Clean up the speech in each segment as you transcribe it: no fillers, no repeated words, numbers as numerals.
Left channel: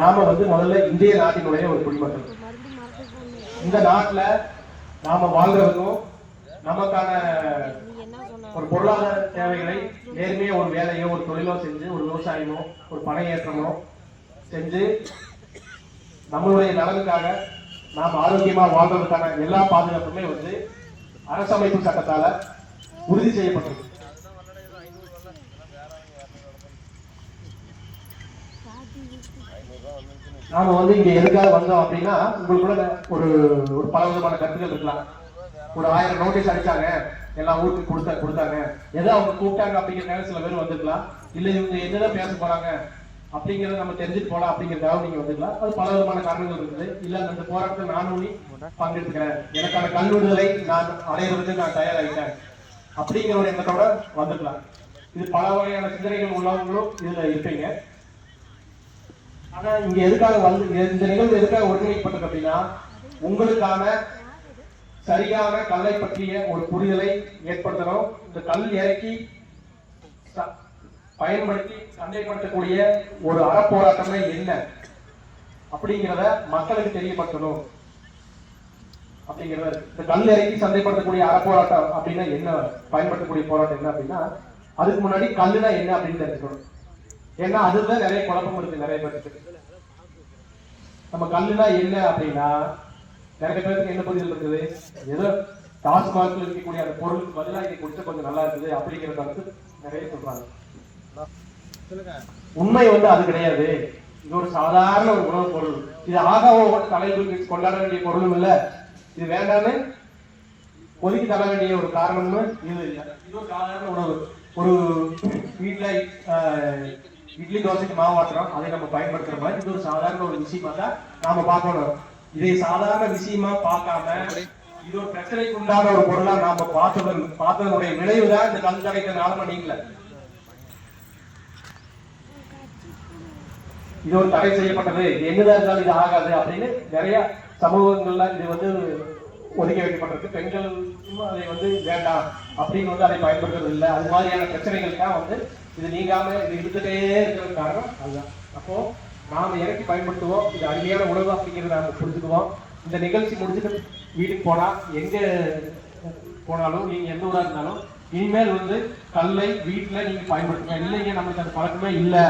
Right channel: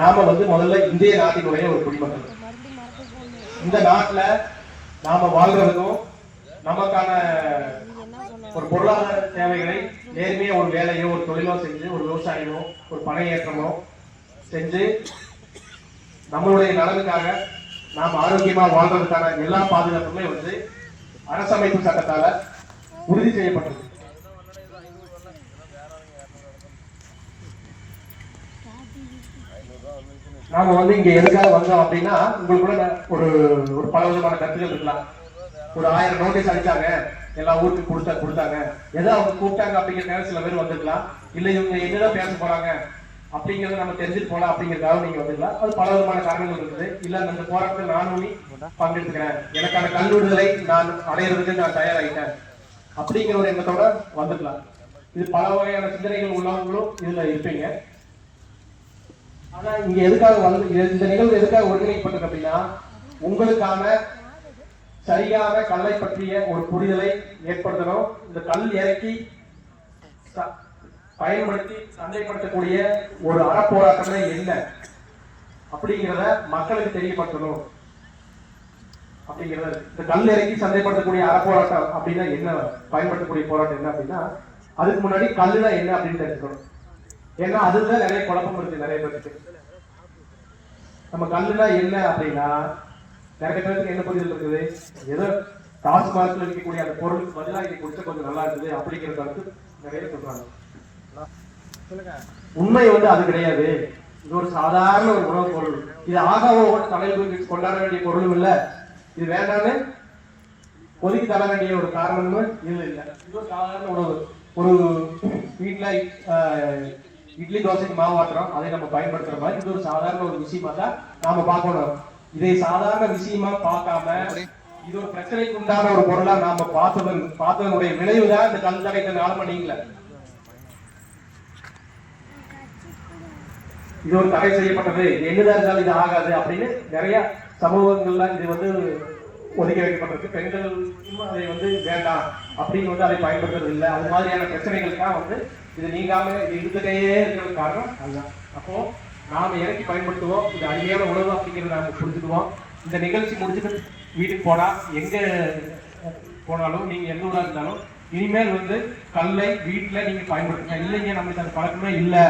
நாம முதல்ல இந்திய நாட்டினுடைய ஒரு குடிமக்கள். இந்த நாட்டுல நாம வாழ்றதுக்கும் நமக்கான ஒரு பொருளாதார தேவைகளை நேர்மையா ஒரு வேலையோ ஒரு தொழிலோ செஞ்சு ஒரு விவசாயமோ ஒரு பணையேற்றமோ செஞ்சு நம்மளுடைய நலனுக்காக நாம் ஆரோக்கியமா வாழ்றதுக்கான எல்லா பாதுகாப்புமே அரசமைப்பு சட்டத்தால உறுதி செய்யப்பட்டது. நாம இங்க எதுக்காக வந்தோம் அப்படின்னா உங்களுக்குள்ள ஒரு ஒரு பல விதமான கருத்துக்கள் இருக்கலாம். ஒரு 1000 நோட்டீஸ் அடிச்சாங்க, எல்லா ஊருக்கு கொடுத்தாங்க, ஏதோ அவங்க கூப்பிட்டாங்க அப்படிங்கிறதுக்காக சில பேர் வந்துருக்கலாம். இல்ல இவங்க என்னதான் பேச போறாங்க அப்படிங்கறத நம்ம தெரிஞ்சுட்டு போலாம் அப்படிங்கிறதுக்காக நீங்க வந்துக்கலாம். அது பல விதமான காரணங்கள் இருக்குது. இல்ல அந்த போராட்டத்தில் நானும் பங்கெடுத்துக்கிறேன், எனக்கான கல்விடுதலை நான் அடையிறதுக்கு நான் தயாராகிட்டேன் அப்படிங்கிற ஒரு எண்ணத்தோட வந்துக்கலாம். இது பல வகையான சிந்தனைகள் உள்ளவங்களும் இதுல இருப்பீங்க. ஆனா இங்க எதுக்காக இந்த நிகழ்வு எதுக்காக ஒருங்கிணைக்கப்பட்டது அப்படின்னா உங்களுக்கான சரியான கல்லை பற்றிய ஒரு புரிதலை ஏற்படுத்தணும். இந்த கல் இறக்கி பயன்படுத்தி சந்தைப்படுத்தக்கூடிய ஒரு அறப்போராட்டமே என்ன அப்படிங்கிறத மக்களுக்கு தெரியப்படுத்தணும் அப்படிங்கிறது. இந்த கல் இறக்கி சந்தைப்படுத்தக்கூடிய அறப்போராட்டம் அப்படின்னா என்ன, பயன்படுத்தக்கூடிய போராட்டம் என்ன அப்படின்னா அதுக்கு முன்னாடி கல்லுனா என்ன அப்படின்னு தெரிஞ்சுக்கணும். ஏன்னா அதுதான் நிறைய குழப்பம் இருக்கு நிறைய பேருக்கு. நம்ம கல்லுனா என்ன அப்படின்னா நிறைய பேருக்கு என்ன புரிதல் இருக்குது, ஏதோ டாஸ்மார்க்ல இருக்கக்கூடிய அந்த பொருளுக்கு பதிலாக இதை குடிச்சா கொஞ்சம் நல்லா இருக்குது அப்படிங்கிறத நிறைய சொல்றாங்க. உண்மை அது கிடையாது. இது ஒரு சாதாரண ஒரு உணவு பொருள். இது ஆகாவோட தலைவருக்கு கொண்டாட வேண்டிய பொருளும் இல்ல, இது வேண்டாம்னு ஒதுக்கி தர வேண்டிய ஒரு காரணமும் இது இல்லை. இது ஒரு சாதாரண உணவு. ஒரு வீட்டுல இட்லி தோசைக்கு மாவாட்டுறோம், அதை நம்ம பயன்படுத்துற மாதிரி இது ஒரு சாதாரண ஒரு விஷயமா தான் நாம பார்க்கணும். இதை சாதாரண விஷயமா பார்க்காம இது ஒரு பிரச்சனைக்கு உண்டான ஒரு பொருளா நாம பார்த்ததனுடைய விளைவுதான் இந்த கல் தடைத்த 4 மணி இல்ல. இது ஒரு தடை செய்யப்பட்டது, என்னதான் இருந்தாலும் இது ஆகாது அப்படின்னு நிறைய சமூகங்கள்ல இது ஒதுக்கி வைக்கப்பட்டிருக்கு. பெண்கள் அதை வேண்டாம் அப்படின்னு அதை பயன்படுத்துறது இல்லை. அது மாதிரியான பிரச்சனைகளுக்காக இது நீங்காம இது இருந்துட்டே இருக்கிறது காரணம் அதுதான். அப்போ நாம இறக்கி பயன்படுத்துவோம். இது அருமையான உணவு அப்படிங்கிறத நாம புரிஞ்சுக்குவோம். இந்த நிகழ்ச்சி முடிச்சுட்டு வீட்டுக்கு போனா எங்க போனாலும் நீங்க எந்த ஊரா இருந்தாலும் இனிமேல் கல்லை வீட்டுல நீங்க பயன்படுத்துங்க. இல்லைங்க நம்மளுக்கு அந்த பழக்கமே இல்லை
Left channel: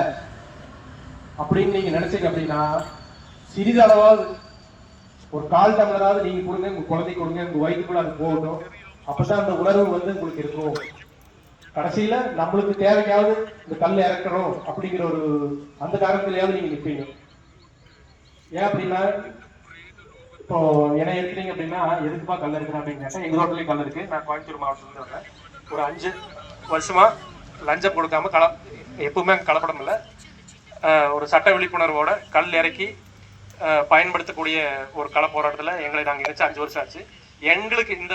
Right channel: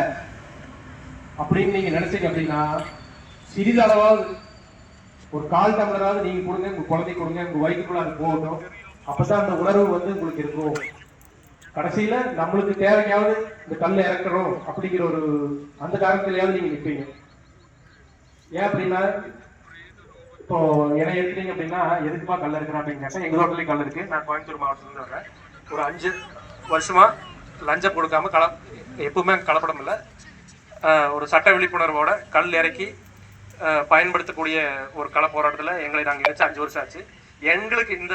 அப்படின்னு நீங்க நினைச்சீங்க அப்படின்னா சிறிதளவாவது ஒரு 1/4 டம்ளராவது நீங்க கொடுங்க, உங்க குழந்தை கொடுங்க, உங்க வயிற்றுக்குள்ள அது போகணும். அப்பதான் அந்த உணர்வு உங்களுக்கு இருக்கும். கடைசியில நம்மளுக்கு தேவையாவது இந்த கல்லை இறக்கணும் அப்படிங்கிற ஒரு அந்த காரணத்திலேயாவது நீங்க நிற்பீங்க. ஏன் அப்படின்னா இப்போ என்னை எடுத்துட்டீங்க அப்படின்னா எதுக்குப்பா கல் இருக்கணும் அப்படின்னு கேட்டா எங்க தோட்டத்துலயும் கல் இருக்கு. நான் கோயம்புத்தூர் மாவட்டத்துல வரேன். ஒரு 5 வருஷமா லஞ்சம் கொடுக்காம எப்பவுமே கலப்படம் இல்லை, ஒரு சட்ட விழிப்புணர்வோட கல் இறக்கி பயன்படுத்தக்கூடிய ஒரு கள போராட்டத்தில் எங்களை நாங்கள் இணைச்சு 5 வருஷம் ஆச்சு. எங்களுக்கு இந்த